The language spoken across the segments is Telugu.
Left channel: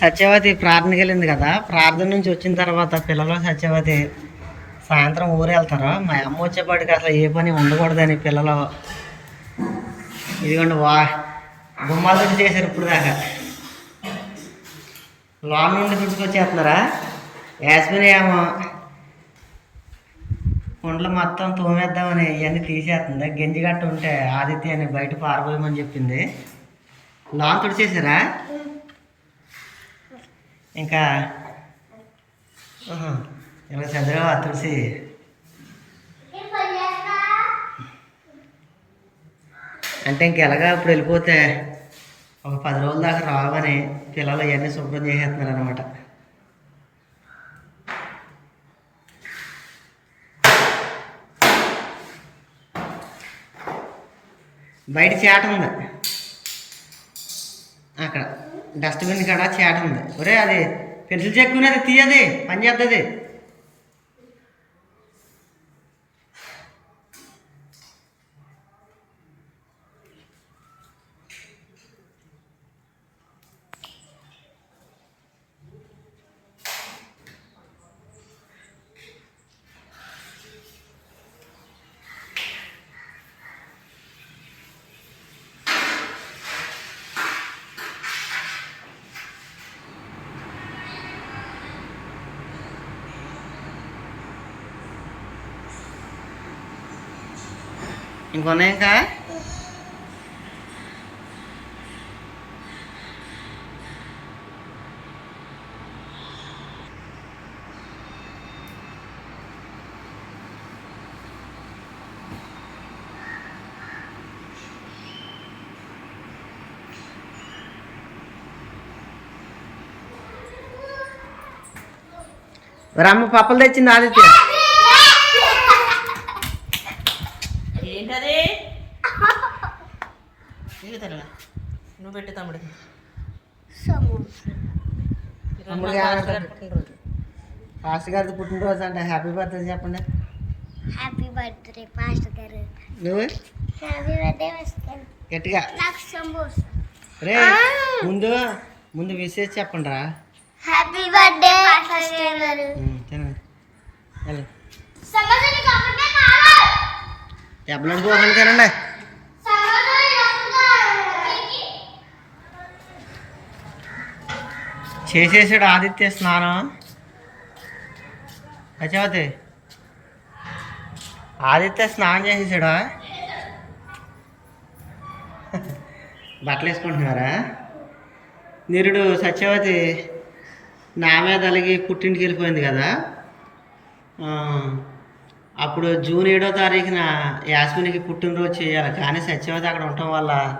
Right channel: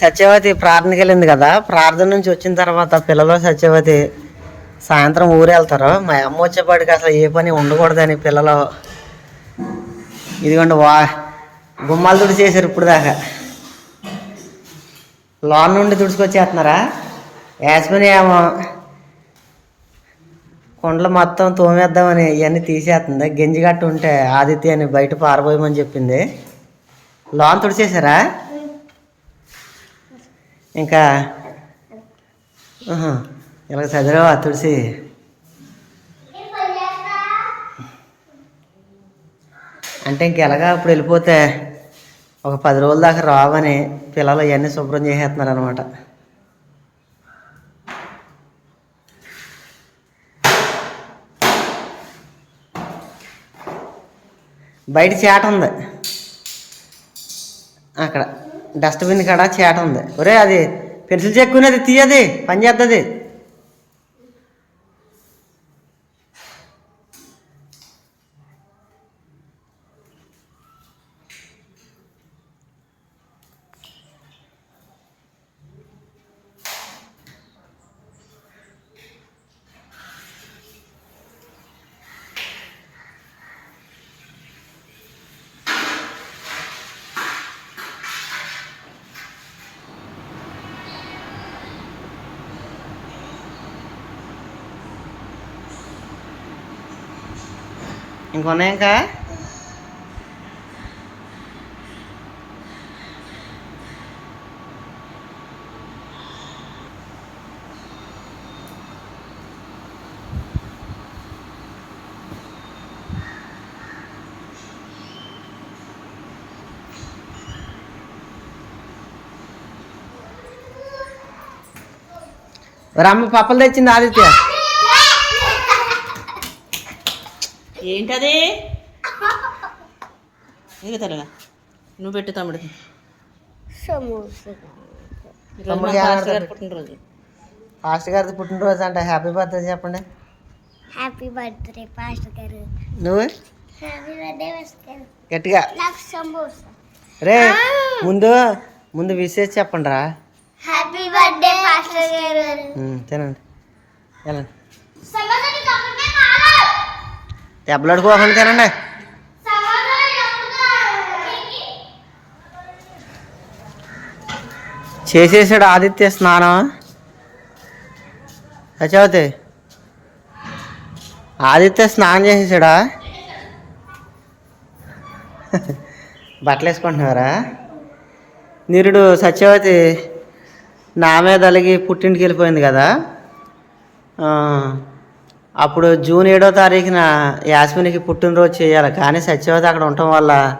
సత్యవతి ప్రార్థనకి వెళ్ళింది కదా. ప్రార్థన నుంచి వచ్చిన తర్వాత పిల్లలు సత్యవతి సాయంత్రం ఊరు వెళ్తారు. మా అమ్మ వచ్చేపాటికి అసలు ఏ పని ఉండకూడదని పిల్లలు ఇదిగోండి వా గుమ్మాలు తుడి చేశారు ఇప్పుడు దాకా. లోన్ నుండి తుడుచుకొచ్చేస్తున్నారా? యాస్మిని ఏమో కొండలు మొత్తం తోమేద్దామని ఇవన్నీ తీసేస్తుంది. గెంజి గట్ట ఉంటే ఆదిత్య అని బయట పారబోయమని చెప్పింది. లోన్ తుడిచేశారా? ఇంకా ఇలా చదివావా తులసి? అంటే ఇంకెలాగా ఇప్పుడు వెళ్ళిపోతే ఒక పది రోజుల దాకా రావని పిల్లలు ఇవన్నీ శుభ్రం చేసేస్తున్నారు అనమాట బయట చేట ఉంది. అక్కడ. డస్ట్బిన్ కాడ చేట ఉంది. ఒరే అది పెన్సిల్ చెక్కునేది తీయది పని చేస్తుంది ఇంకొన్నాయి ఇంకా రమ్మ పప్పలు తెచ్చింది ఆదిత్య ఏంటది? ఇక తరగా నువ్వు పెట్టు ఏమన్నా పాస్టర్ గారి పెట్టు. పుట్టినరోజు. ఫాస్ట్ అంట హ్యాపీ బర్త్డే చెప్పండి. హ్యాపీ బర్త్డే పాస్టర్ గారు. నువ్వు? హ్యాపీ బర్త్డే పాస్టర్ గారు. గట్టిగా. నాకు సమోసా. రే ముందు ముందు విశేష చెప్పండి రా హ్యాపీ బర్త్డే పాస్టర్ గారు. ఉమ్, తినండి. వెళ్ళండి. కావాలి దెబ్బలాడుకోకండి తినండి. చేసేసాడు ఆదిత్య స్నానం. సత్యవతి ఆదిత్య స్నానం చేసేసాడా? బట్టలు వేసుకుంటున్నారా? నిరుడు సత్యవతి నా మీద అలిగి పుట్టింటికి వెళ్ళిపోయింది కదా. అప్పుడు జూన్ ఏడో తారీఖున యాస్మినికి పుట్టినరోజు చేయాలి. కానీ సత్యవతి అక్కడ ఉండటం వల్ల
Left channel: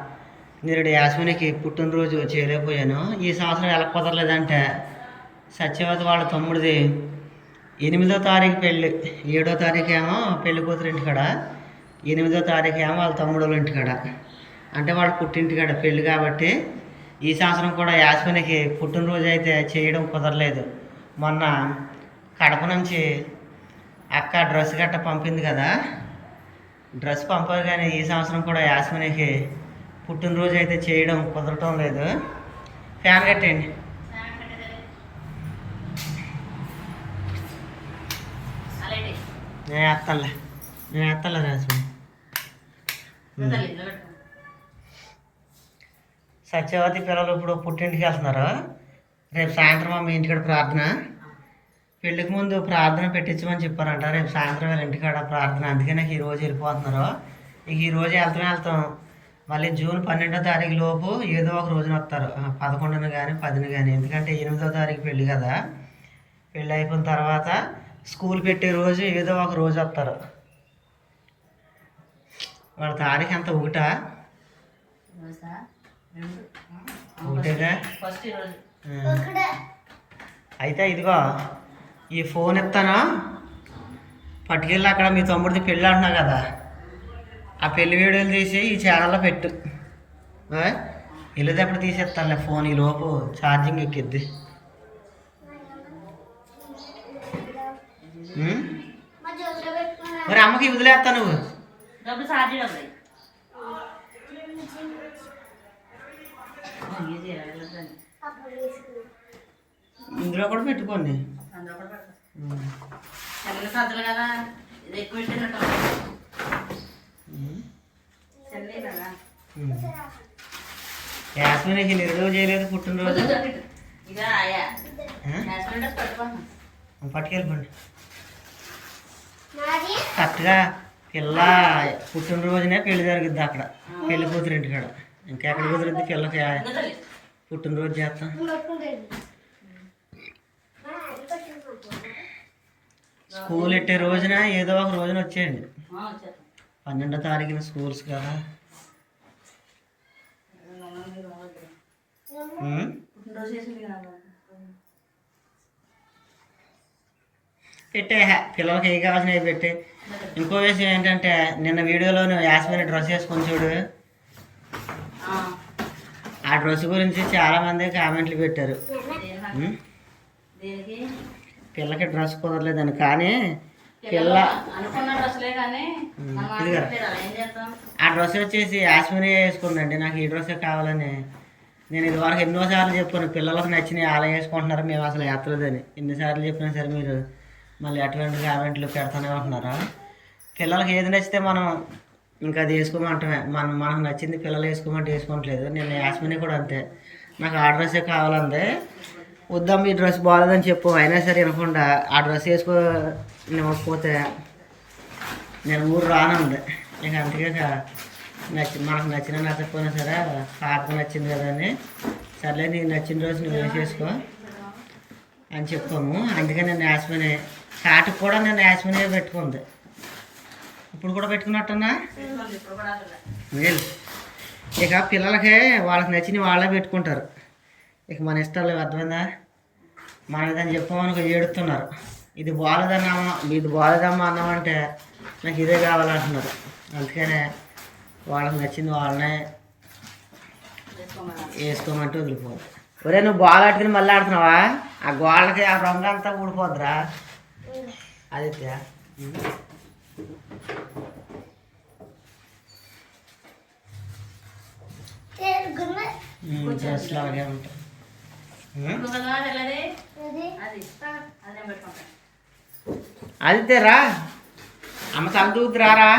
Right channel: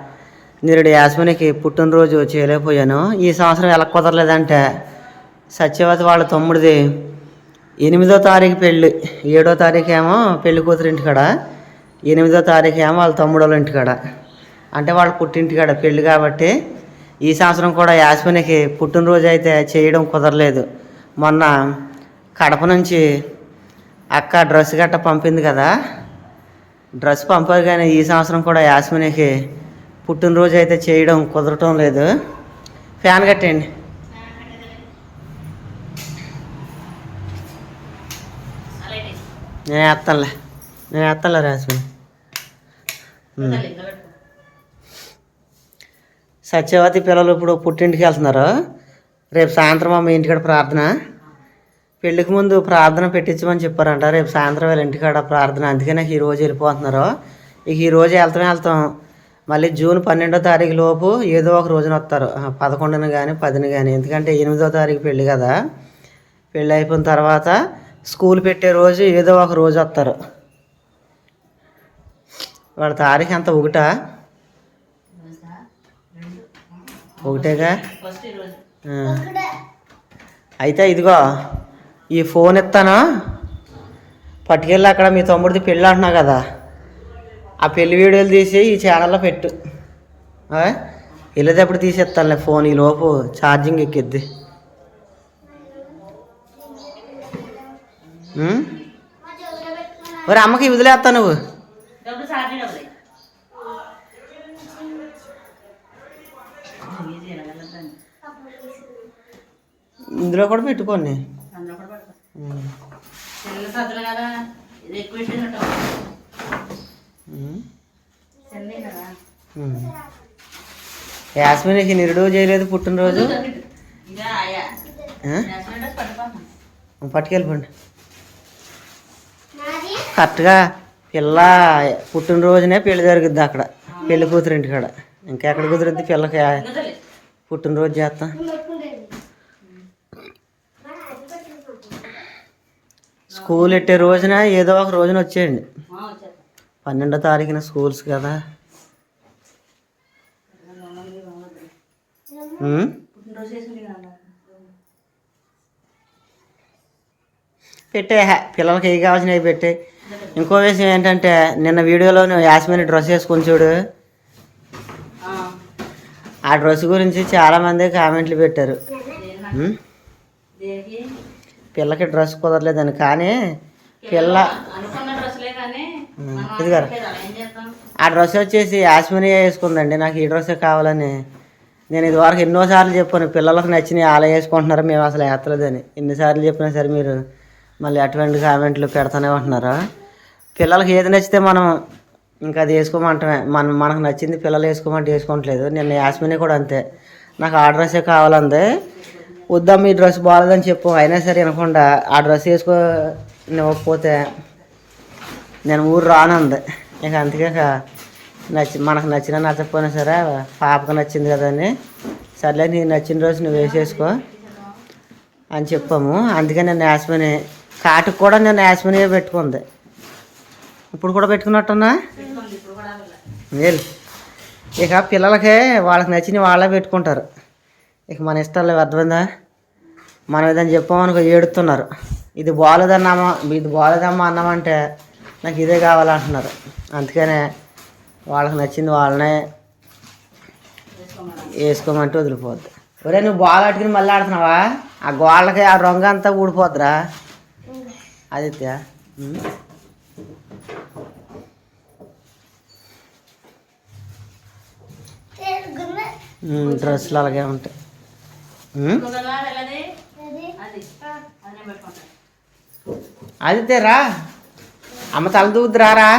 నిరుడు యాస్మినికి పుట్టినరోజు చేయలేకపోయాను. ఈ సంవత్సరం ఎలా కుదరలేదంటే సత్యవతి వాళ్ళ తమ్ముడిది ఎనిమిదో తారీఖు పెళ్ళి. ఏడో తారీఖు ఏమో పెళ్ళి కూతురు ఇంటికాడ. ఎనిమిదో తారీఖు ఏమో వాళ్ళ తమ్ముడు వాళ్ళ ఇంటికాడ. అంటే వాళ్ళ పుట్టింటికాడ పెళ్ళి కాబట్టి ఈ సంవత్సరం కూడా యాస్మినికి పుట్టినరోజు అయితే చేయడం కుదరలేదు. మొన్న కడప నుంచి అక్క డ్రెస్ గట్ట పంపింది కదా. డ్రెస్ పంపారు కానీ ఈ సంవత్సరం కూడా యాస్మినికి పుట్టినరోజు అయితే చేయడం కుదరటం లేదు. ఫ్యాన్ కట్టండి నేను వేస్తానులే నేను వేస్తానులే యాస్మిని సత్యవతి పిల్లలు ఇప్పుడు పుట్టింటికి వెళ్తున్నారు. రేపు సాయంత్రం మా ఇంటికాడ ప్రార్థన. పెళ్ళికి ముందు ప్రార్థన పెట్టించమని చెప్పారంట. రేపు సాయంత్రం వీళ్ళ ఇంటికాడ ప్రార్థన. అందుకే నాకు ఈ రోజు వెళ్ళిపోతున్నారు. ఇక ఈ రోజు వెళ్తాం వెళ్తాం. మళ్ళీ జూన్ పన్నెండో తారీఖు లోపు ఏదో ఒక రోజున వస్తారు. పదకొండున కానీ పదిని కానీ ఎందుకంటే ఎనిమిదో తారీఖు పెళ్ళి కదా. పెళ్ళి అయిపోయిన తర్వాత స్కూల్ పెట్టే రోజు ఏదో ఒక రోజు వస్తారు. వాళ్ళ తారీఖు అంత ఒకటా? ఒకటేగా. అయితే ఇదిగో. ఈ ఫోన్ ఇస్తాను పట్టుకెళ్ళి అక్కడ మీ తమ్ముడిది పెళ్ళి అంటున్నావు కదా. ఆ పెళ్ళి వీడియోలు తీసి ఈ ఛానల్లో పెట్టు? వెళ్ళేటప్పుడు తీసేస్తానులే ఫోన్ ఈ లోపు ఛార్జింగ్ ఎక్కిద్ది? మరి అమ్మకి వదిలేస్తా నువ్వు. ఇందులో కూడా పెట్టుకోండి. యాస్మిన్కి నిరుడు చేయలేదు పుట్టినరోజు. పట్టుకెళ్ళిపోండి. నాది? కరెక్ట్గా పిల్ల పుట్టినరోజునే పెళ్ళి జరిగిద్ది అక్కడ. పెళ్ళి కూతురు ఇంటికాడ ఇంకా ఎక్కడ కుదిరిద్ది పిల్లకి? పుట్టినరోజు చేస్తాం. స్కూల్ ఎట్టే రోజున? ఏదో ఒక రోజున వచ్చేయండి. పన్నెండో తారీఖున స్కూల్స్ కదా. పెట్టే పిల్లలకి ఏ కావాల్సినవి పెట్టే. ఇంకో విషయం ఏంటంటే నిన్న వీడియోలో నువ్వు యాస్మిని డ్రెస్ వేసుకొని చూడు. ఆ, డ్రెస్ గురించి చాలామంది కామెంట్లు పెట్టారు. పిల్లకి డ్రెస్ కుదరలేదని కానీ పిల్ల ఇదిగోరా. ఆ డ్రెస్ వచ్చేసి యాస్మిని వేసుకుందండి. నాకు ఈ డ్రెస్సే కావాలని. నేను ఇదివరకు ఎన్నోసార్లు చెప్పాను పిల్లలకు నచ్చినవి అలా వేసుకుంటున్నారు మేము అసలు వేస్తలేదని. ఎన్నిసార్లు చెప్పినా సరే మీరు మళ్ళీ అటువంటి కామెంట్లు పెడతానే ఉంటున్నారు? పిల్లలకి ఏది నచ్చితే మనం ఇంకా అది వేసుకోమంటమే. మనం మనకు నచ్చింది పిల్లలు వేసుకోమంటే వేసుకోవట్లేదు. నిన్న యాస్మిని కూడా అంతే. నాకు ఆ డ్రెస్సే కావాలంది. వద్దాం ఈ డ్రెస్ బాగాలేదని చెప్పు. అయినా సరే వినకుండా ఆ డ్రెస్ వేసుకో ఇవ్వకపోతే నేను ఊరు రానుంది. ఇక అందుకే నచ్చి మనకు నచ్చినా నచ్చకపోయినా సరే పాపకు నచ్చింది కదా అని. సర్లే నీకు నచ్చిన రోజు నువ్వు వేసేసుకో అని చెప్పాము. అందుకే నేను యాస్మిని కాటుకు కూడా నేను యాస్మిని పెట్టుకుంది. ఇప్పుడు కూడా పెట్టుకున్నట్టున్నా? మేలు ఇక పిల్లలకి వాళ్ళకి నచ్చిన వాళ్ళే పెట్టుకుంటారు. ఇక మన ఇష్టాలు అర్థమైందా? మనం ఏదైనా చెప్పామనుకో ఏడుతున్నారు. ఇది బాగాలేదన్నామా ఇది బాగాలేదమ్మా అన్నామంటే నాకు ఇదే కావాలంటున్నారు. అందుకనే వాళ్ళకి నచ్చింది వాళ్ళనే వేసుకోమంటే వదిలిపోద్ది. ఒరే నువ్వు బాల్ ఆడుకుని మళ్ళీ ఆడుతున్నావా? ఆ గోళ్ళకి ఆ రంగు అంతా ఊడిపోద్దిరా. ఆదిత్య డ్రెస్సులు అలాగే ఉంటాయి. అది తేరా అమ్మ తల దూద్దు రారా.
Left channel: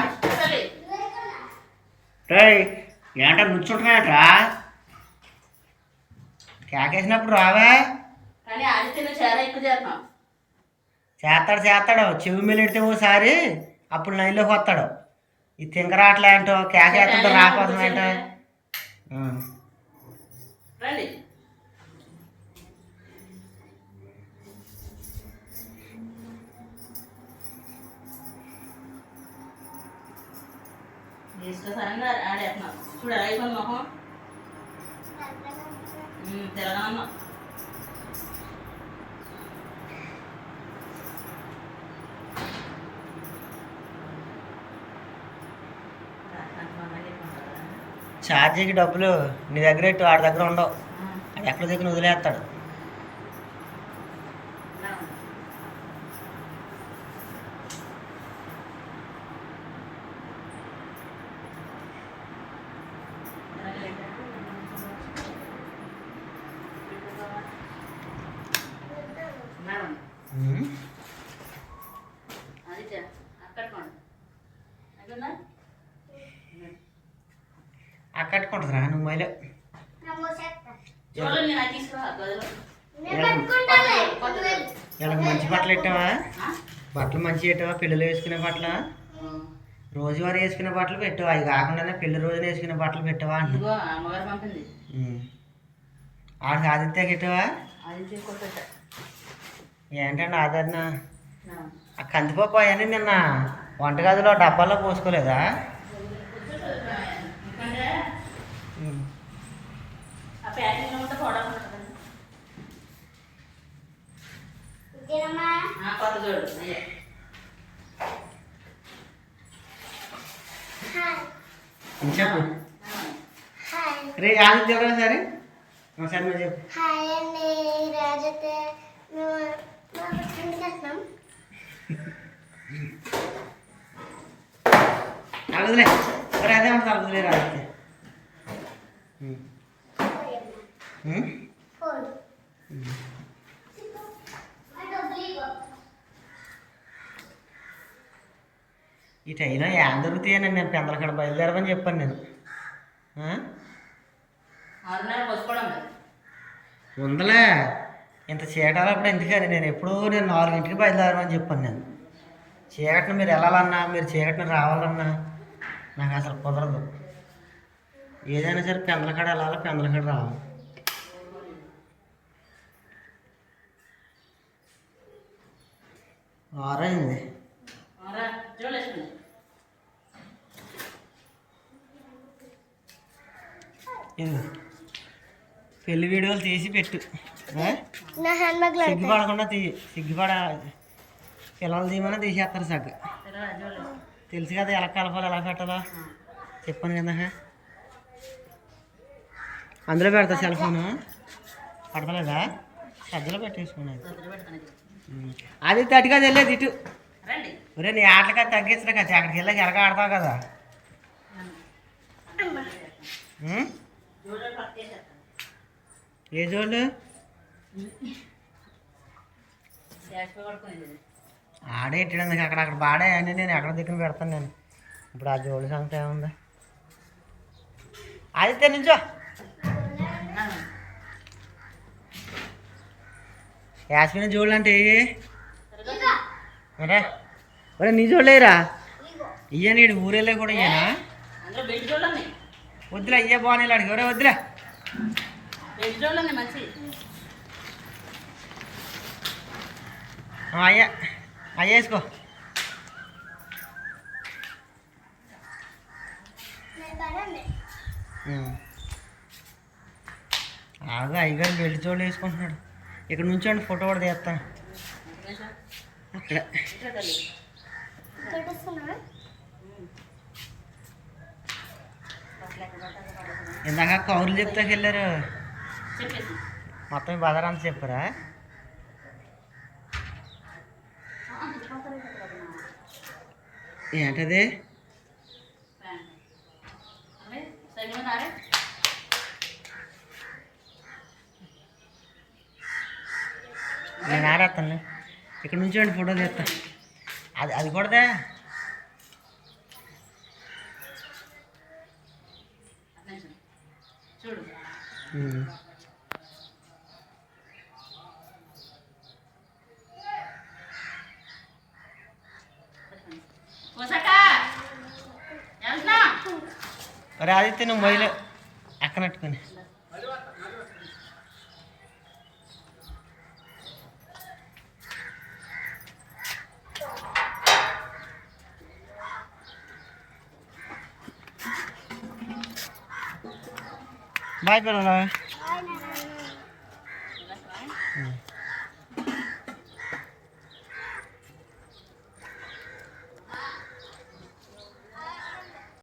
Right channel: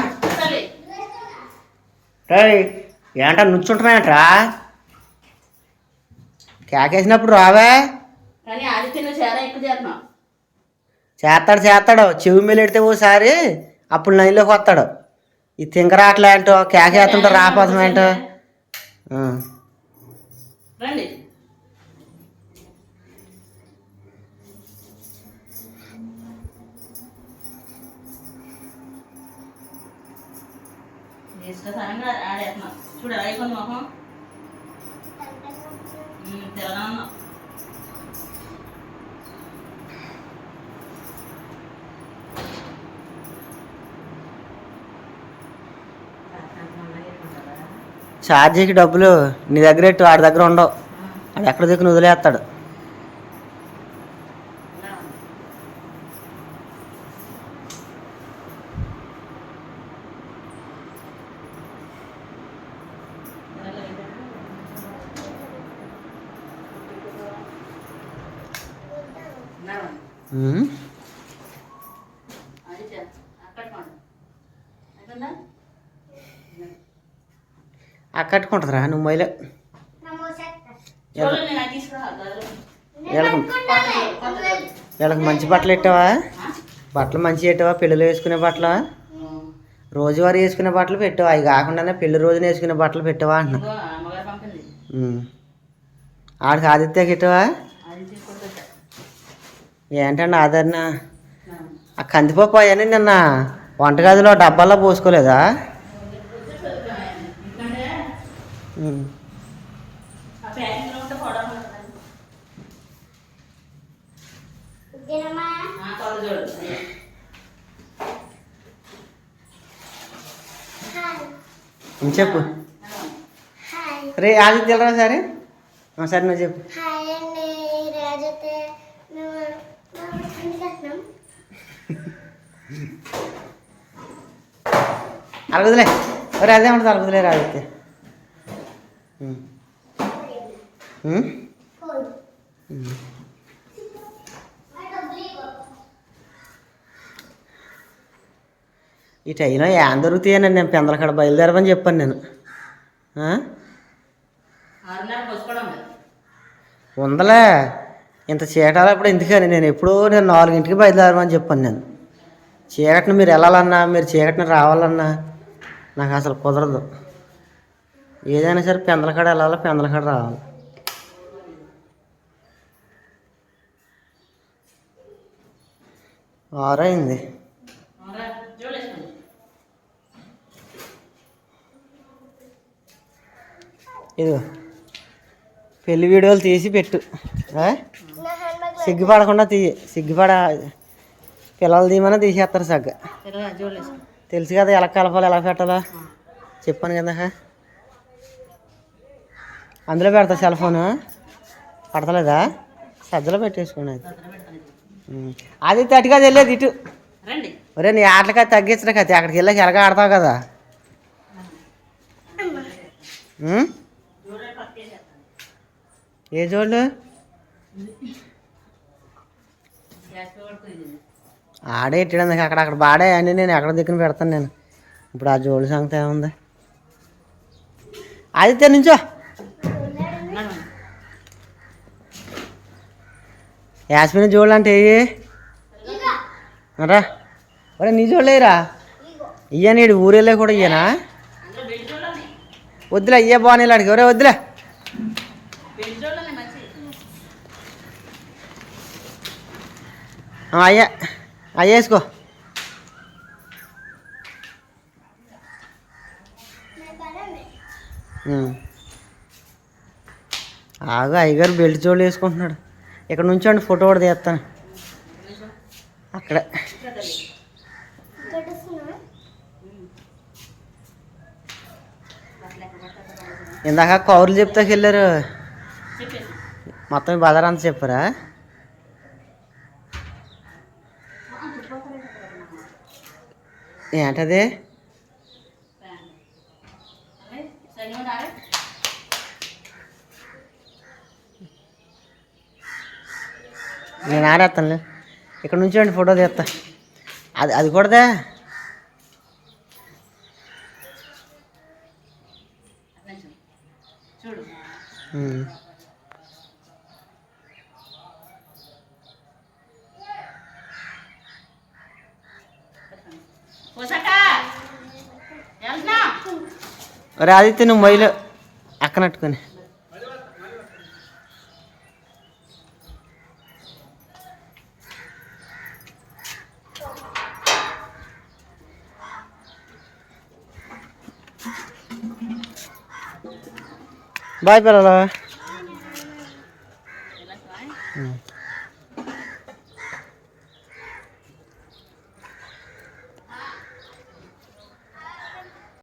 ఏంట నుంచుంటున్నాయంట్రా కేకేసినప్పుడు రావే. చేస్తాడు చేస్తాడు. చెవి మీద ఓసారి అప్పుడు లైన్లోకి వస్తాడు. ఈ తింకరాట్లా ఏంటో కేకేస్తుంటో రాపోతాం ఏంటో. రండి. ఆడేస్తున్నాం చూడు అయిపోయింది మొహం తెలంగాణ ఛార్జీకి డబ్బులు నీ దగ్గర ఎట్టు వాడి దగ్గర ఉండవు. వాడు ఎక్కడ దిక్కున వదిలేస్తాడు. ఉమ్. ఆ కట్టుకుంటుందిరా నువ్వు గదిలో వీళ్ళకి మంచి బట్టలు పెట్టావా బట్టలు మంచి పెట్టావా పెళ్ళిలో వేసుకునే బట్టలు? రోజువారీ వేసుకునే బట్టలు పెట్టావా? అవి కాకుండానే పెళ్ళి రోజున వేసుకునే బట్టలు పెట్టావా అంటున్నా. ఆడికి ఆదిత్య తీసుకుంటా ఏంటండి ఆదరణ? ఆ కందిపప్పు అవన్నీ నిన్న వంటగదిలో డబ్బాల్లో పోసుకోలేదా? చెప్పు. హాయ్. రే ఆదిత్య వెళ్ళరా సరే? సరే నువ్వు చెప్పు. అరగదులే మరి అదే ఉంటుంది అరగదులే రాగితే ఈ అయినా ఏం దొరుకుతాయని నేను పెందలకాడ బయలుదేరమని చెప్పాను నేను. ఉందలే. ఇంత చీటాలప్పుడు ఎందుకని? నేను ఎప్పుడూ నేను నాలుగింటికి బయలుదేరమని చెప్పాను నేను. చీకటిని మీరు వెళ్ళాలన్నా మీరు చీకటిని రావాలన్నా నాకు అసలు కుదరదు. ఏదైనా సరే పెందలకాడ వెళ్ళాలి పెందలకాడ రావాలి? ఆరైంది. ఇదిగో. పెళ్ళి వీడియోలు తీసి పెట్టు. సిగ్గుపడకుండా తీయి. సిగ్గుపడ పిల్లలు తీయమని తీసేస్తారు సగ్గా. తెలుసు కదా ఎలా కలపాలి ఎలా పెట్టాలా. చెప్పాను కదా. అందులో పెడతా సెల్ ఫోన్. పడతలేదా? సజ్జలో పెట్టేసుకోండి అది. తట్టుగా వెళ్ళేది ఇటు. ఒరే నీ ఆటలకి తగ్గించడం కదా అక్కడికి వెళ్ళాక ఎలాగ ఆడతావు కదా? ఏ చూడు ఆడే ఇట్టడానికి అక్కడ అక్కడ బాడే అని నేను ఎక్కడ దిక్కున పెడతాను నేను. ఇప్పుడు ఆ జోడు సంగతి ఏముంది? ఆదిత్య నుంచో యాస్మిన్ జోళ్ళు అంటే ఏ రా ఒరే నీ జోళ్ళేరా ఇయ్య నీడు ఊరేళ్ళే కూడా ఇయ్యనా? వద్దులే ఇయ్య బాగానే అడిగి ఒరే వద్దులే. అయ్యా. అయ్య వేసుకో. ఆగా అయ్యగారు బెల్ట్ జోళ్ళు వేసుకుంటున్నాడు. ఇక్కడ నుంచోండి ఫోటో కూడా తీస్తాను. అక్కడ. ఇందాక కౌరులు చెప్తాకి వెళ్ళారు మొత్తం బజార్ అంతా చెప్పారా? ఏంటది? నేను ఆరేస్తానులే ఇక్కడ నుంచోండి ఫోటో తీస్తా అది అది కూడాదే? చూడు. అరే ఆదిత్య నువ్వు మొయ్యలు. అక్కనట్టుకొని. బాయ్ పిల్లలా